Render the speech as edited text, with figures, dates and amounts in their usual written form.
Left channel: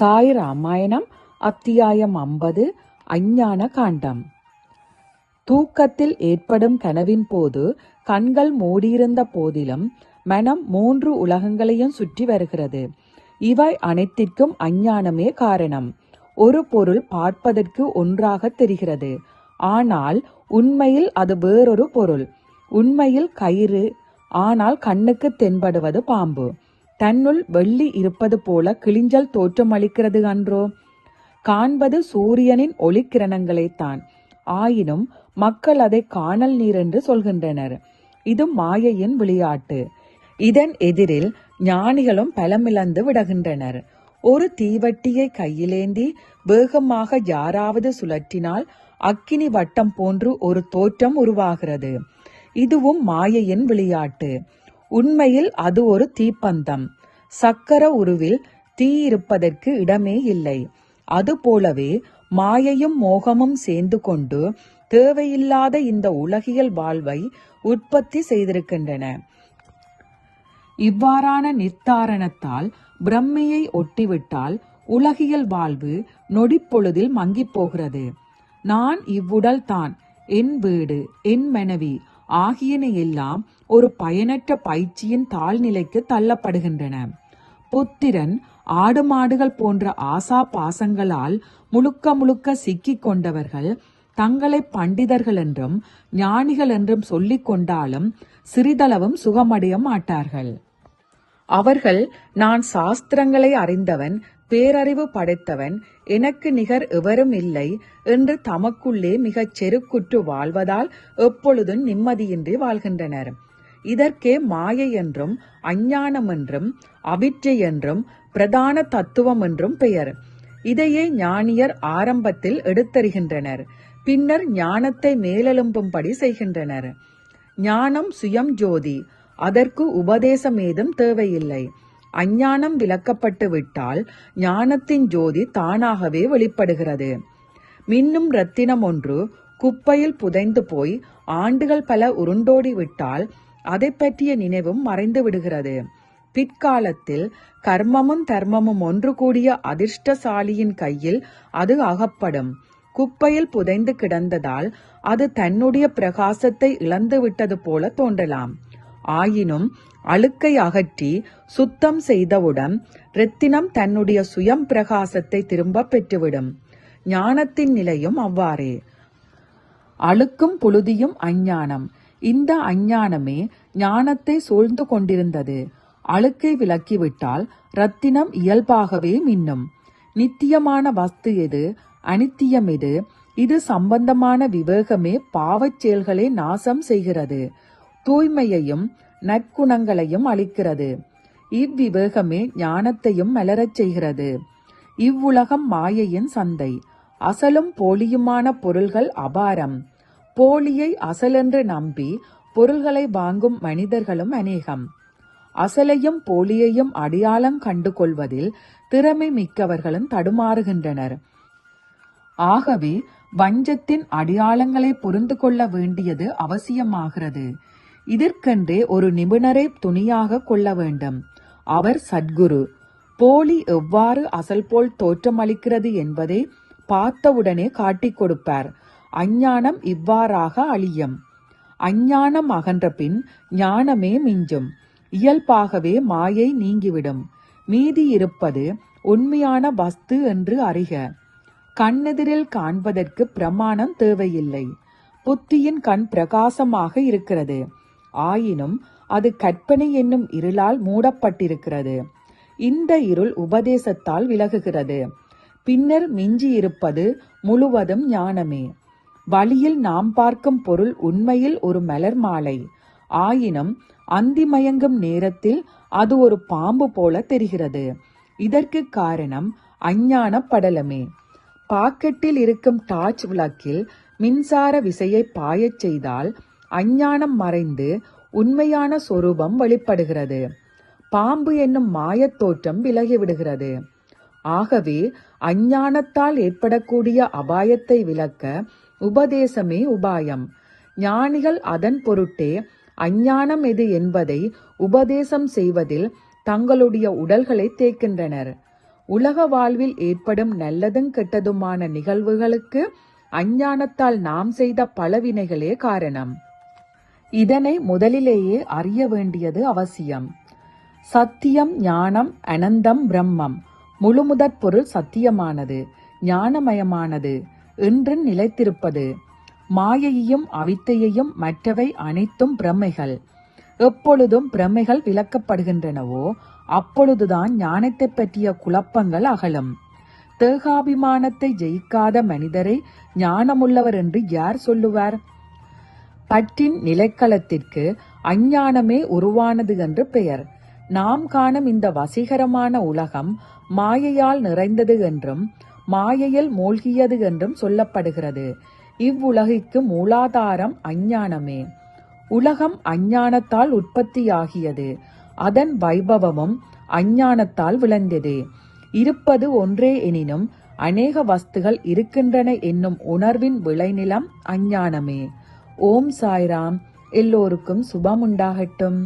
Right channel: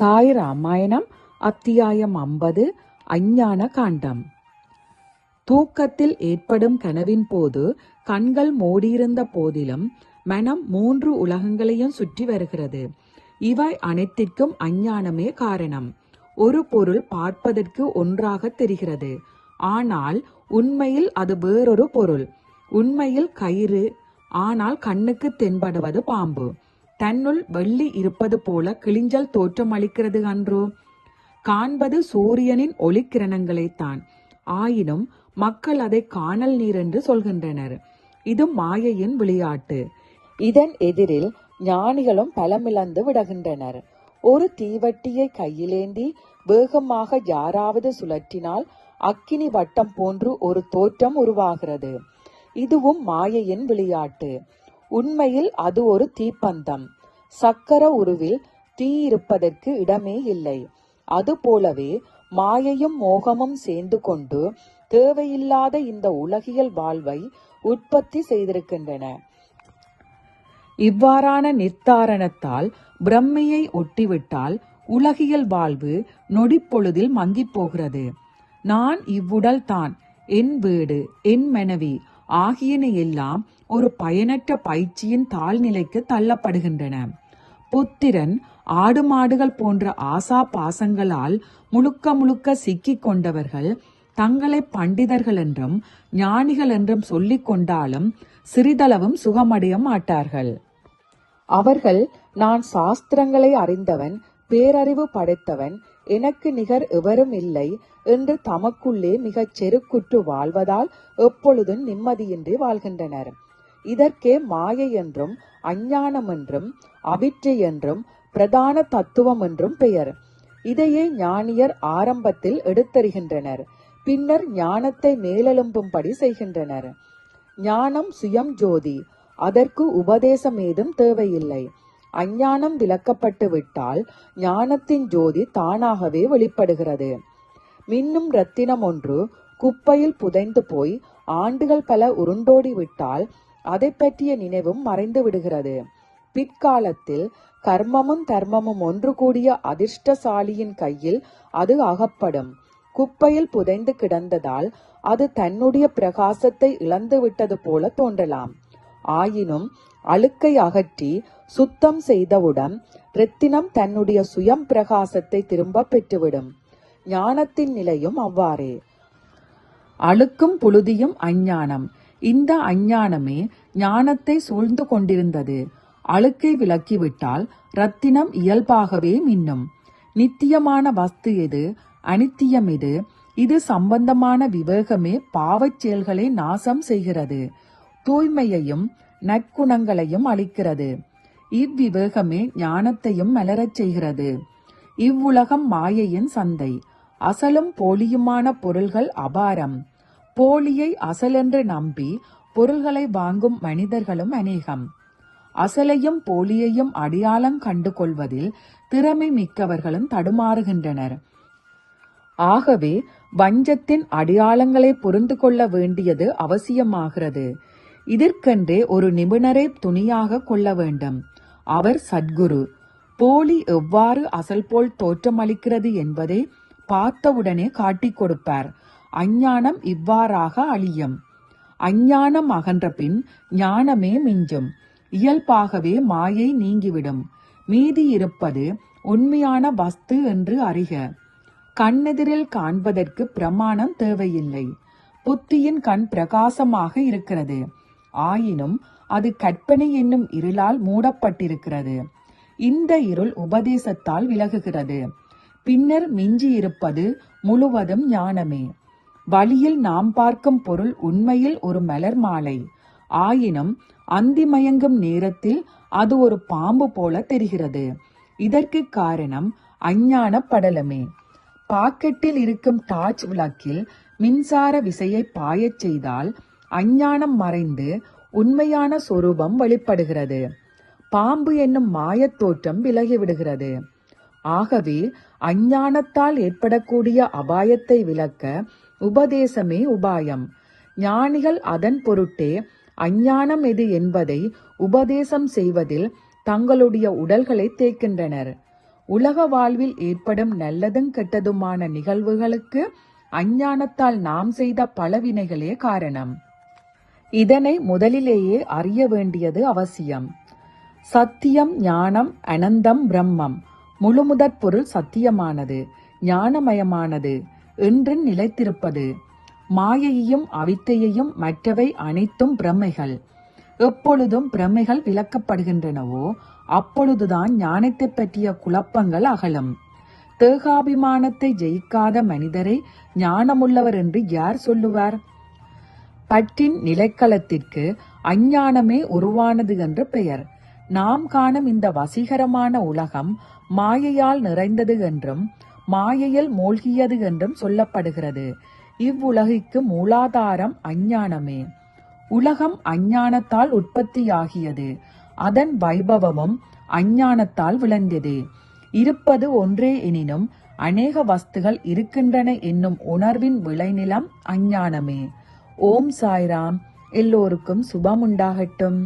சாய் ராமாயணம் அத்தியாயம் 50 அஞ்ஞான காண்டம். தூக்கத்தில் ஏற்படும் கனவின் போது கண்கள் மூடியிருந்த போதிலும் மனம் 3 உலகங்களையும் சுற்றி வருகிறது. இவை அனைத்திற்கும் அஞ்ஞானமே காரணம். ஒரு பொருள் பார்ப்பதற்கு ஒன்றாக தெரிகிறது, ஆனால் உண்மையில் அது வேறொரு பொருள். உண்மையில் கயிறு, ஆனால் கண்ணுக்கு தென்படுவது பாம்பு. தன்னுள் வெள்ளி இருப்பது போல கிளிஞ்சல் தோற்றம் அளிக்கிறது அன்றோ? காண்பது சூரியனின் ஒளிக்கிரணங்களைத்தான். ஆயினும் மக்கள் அதை காணல் நீர் என்று சொல்கின்றனர். இது மாயையின் விளையாட்டு. இதன் எதிரில் ஞானிகளும் பலமிழந்து விடுகின்றனர். ஒரு தீவட்டியை கையிலேந்தி வேகமாக யாராவது சுழற்றினால் அக்கினி வட்டம் போன்று ஒரு தோற்றம் உருவாகிறது. இதுவும் மாயையின் விளையாட்டு. உண்மையில் அது ஒரு தீப்பந்தம். சக்கர உருவில் தீ இருப்பதற்கு இடமே இல்லை. அதுபோலவே மாயையும் மோகமும் சேர்ந்து கொண்டு தேவையில்லாத இந்த உலகியல் வாழ்வை உற்பத்தி செய்திருக்கின்றன. இவ்வாறான நிர்தாரணத்தால் பிரம்மையை ஒட்டிவிட்டால் உலகியல் வாழ்வு நொடிப்பொழுதில் மங்கிப் போகிறது. நான் இவ்வுடல் தான், என் வீடு, என் மனைவி ஆகியன எல்லாம் ஒரு பயனற்ற பயிற்சியின் தாழ்நிலைக்கு தள்ளப்படுகின்றன. புத்திரன், ஆடு மாடுகள் போன்ற ஆசா பாசங்களால் முழுக்க சிக்கிக் கொண்டவர்கள் தங்களை பண்டிதர்கள் என்றும் ஞானிகள் என்றும் சொல்லிக் கொண்டாலும் சிறிதளவும் சுகமடைய மாட்டார்கள். அவர்கள் நான் சாஸ்திரங்களை அறிந்தவன், பேரறிவு படைத்தவன், எனக்கு நிகர் எவரும் இல்லை என்று தமக்குள்ளே மிகச் செருக்குற்று வாழ்வதால் எப்பொழுதும் நிம்மதியின்றி வாழ்கின்றனர். இதற்கே மாயை என்றும் அஞ்ஞானம் என்றும் அவிற்றை என்றும் பிரதான தத்துவம் என்றும் பெயர். இதையே ஞானியர் ஆரம்பத்தில் எடுத்தறிகின்றனர், பின்னர் ஞானத்தை மேலெழும்பும்படி செய்கின்றனர். ஞானம் சுயம் ஜோதி, அதற்கு உபதேசம் ஏதும் தேவையில்லை. அஞ்ஞானம் விலக்கப்பட்டு விட்டால் ஞானத்தின் ஜோதி தானாகவே வெளிப்படுகிறது. மின்னும் ரத்தினம் ஒன்று குப்பையில் புதைந்து போய் ஆண்டுகள் பல உருண்டோடி விட்டால் அதை பற்றிய நினைவும் மறைந்து விடுகிறது. பிற்காலத்தில் கர்மமும் தர்மமும் ஒன்று கூடிய அதிர்ஷ்டசாலியின் கையில் அது அகப்படும். குப்பையில் புதைந்து கிடந்ததால் அது தன்னுடைய பிரகாசத்தை இழந்து விட்டது போல தோன்றலாம். ஆயினும் அழுக்கை அகற்றி சுத்தம் செய்தவுடன் ரத்தினம் தன்னுடைய சுயம் பிரகாசத்தை திரும்ப பெற்றுவிடும். ஞானத்தின் நிலையும் அவ்வாறே. அழுக்கும் புழுதியும் அஞ்ஞானம். இந்த அஞ்ஞானமே ஞானத்தை சூழ்ந்து கொண்டிருந்தது. அழுக்கை விலக்கிவிட்டால் ரத்தினம் இயல்பாகவே மின்னும். நித்தியமான வஸ்து எது, அனித்தியம் எது, இது சம்பந்தமான விவேகமே பாவச் செயல்களை நாசம் செய்கிறது, தூய்மையையும் நற்குணங்களையும் அளிக்கிறது. இவ்விவேகமே ஞானத்தையும் மலரச் செய்கிறது. இவ்வுலகம் மாயையின் சந்தை. அசலும் போலியுமான பொருள்கள் அபாரம். போலியை அசலென்று நம்பி பொருள்களை வாங்கும் மனிதர்களும் அநேகம். அசலையும் போலியையும் அடையாளம் கண்டு கொள்வதில் திறமை மிக்கவர்களும் தடுமாறுகின்றனர். ஆகவே வஞ்சத்தின் அடையாளங்களை புரிந்து கொள்ள வேண்டியது அவசியமாகிறது. இதற்கென்றே ஒரு நிபுணரை துணியாக கொள்ள வேண்டும். அவர் சத்குரு. போலி எவ்வாறு அசல் போல் தோற்றமளிக்கிறது என்பதை பார்த்தவுடனே காட்டிக் கொடுப்பார். அஞ்ஞானம் இவ்வாறாக அழியும். அஞ்ஞானம் அகன்ற பின் ஞானமே மிஞ்சும். இயல்பாகவே மாயை நீங்கிவிடும். மீதி இருப்பது உண்மையான வஸ்து என்று அறிக. கண்ணெதிரில் காண்பதற்கு பிரமாணம் தேவையில்லை. புத்தியின் கண் பிரகாசமாக இருக்கிறது. ஆயினும் அது கற்பனை என்னும் இருளால் மூடப்பட்டிருக்கிறது. இந்த இருள் உபதேசத்தால் விலகுகிறது. பின்னர் மிஞ்சி இருப்பது முழுவதும் ஞானமே. வழியில் நாம் பார்க்கும் பொருள் உண்மையில் ஒரு மலர் மாலை. ஆயினும் அந்தி மயங்கும் நேரத்தில் அது ஒரு பாம்பு போல தெரிகிறது. இதற்கு காரணம் அஞ்ஞான படலமே. பாக்கெட்டில் இருக்கும் டார்ச் விளக்கில் மின்சார விசையை பாயச் செய்தால் அஞ்ஞானம் மறைந்து உண்மையான சொரூபம் வெளிப்படுகிறது. பாம்பு என்னும் மாயத் தோற்றம் விலகிவிடுகிறது. ஆகவே அஞ்ஞானத்தால் ஏற்படக்கூடிய அபாயத்தை விலக்க உபதேசமே உபாயம். ஞானிகள் அதன் பொருட்டே அஞ்ஞானம் எது என்பதை உபதேசம் செய்வதில் தங்களுடைய உடல்களை தேய்க்கின்றனர். உலக வாழ்வில் ஏற்படும் நல்லதும் கெட்டதுமான நிகழ்வுகளுக்கு அஞ்ஞானத்தால் நாம் செய்த பலவினைகளே காரணம். இதனை முதலிலேயே அறிய வேண்டியது அவசியம். சத்தியம், ஞானம், அனந்தம், பிரம்மம். முழுமுதற் பொருள் சத்தியமானது, ஞானமயமானது, என்று நிலைத்திருப்பது. மாயையையும் அவித்தையையும் மற்றவை அனைத்தும் பிரமைகள். எப்பொழுதும் பிரமைகள் விளக்கப்படுகின்றனவோ அப்பொழுதுதான் ஞானத்தை பற்றிய குழப்பங்கள் அகலும். தேகாபிமானத்தை ஜெயிக்காத மனிதரை ஞானமுள்ளவர் என்று யார் சொல்லுவார்? பற்றின் நிலைக்களத்திற்கு அஞ்ஞானமே உருவானது என்று பெயர். நாம் காணும் இந்த வசீகரமான உலகம் மாயையால் நிறைந்தது என்றும் மாயையில் மூழ்கியது என்றும் சொல்லப்படுகிறது. இவ்வுலகிற்கு மூலாதாரம் அஞ்ஞானமே. உலகம் அஞ்ஞானத்தால் உற்பத்தியாகியது. அதன் வைபவமும் அஞ்ஞானத்தால் விளைந்தது. இருப்பது ஒன்றே எனினும் அநேக வஸ்துகள் இருக்கின்றன என்னும் உணர்வின் விளைநிலம் அஞ்ஞானமே. ஓம் சாய்ராம். எல்லோருக்கும் சுபம் உண்டாகட்டும்.